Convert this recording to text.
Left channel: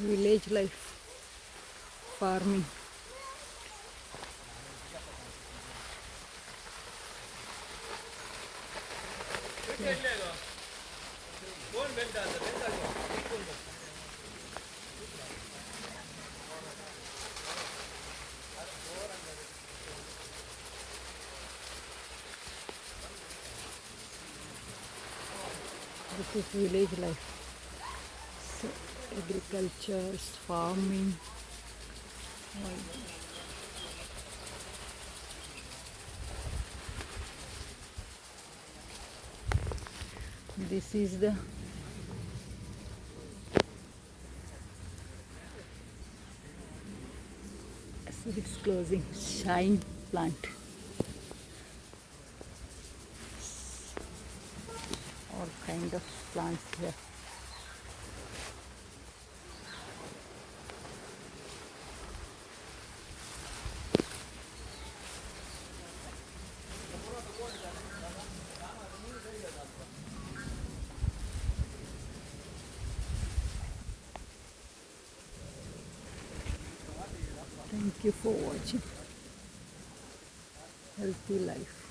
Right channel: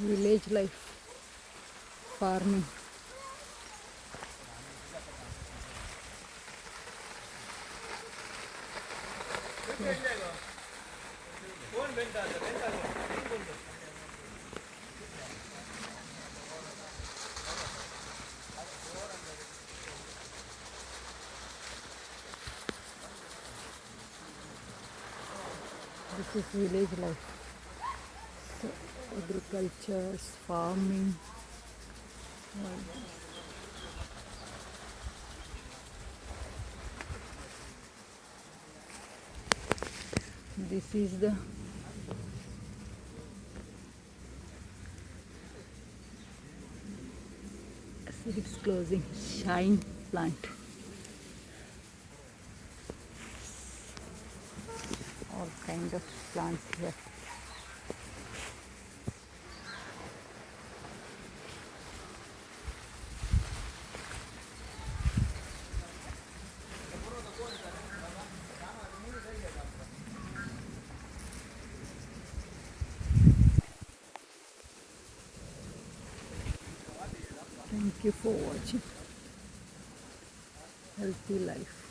village life, farming. This is village life. So agriculture, farming. This is the so it's closing shine plant. All kind of plants here. Thank you for watching. Healthy life.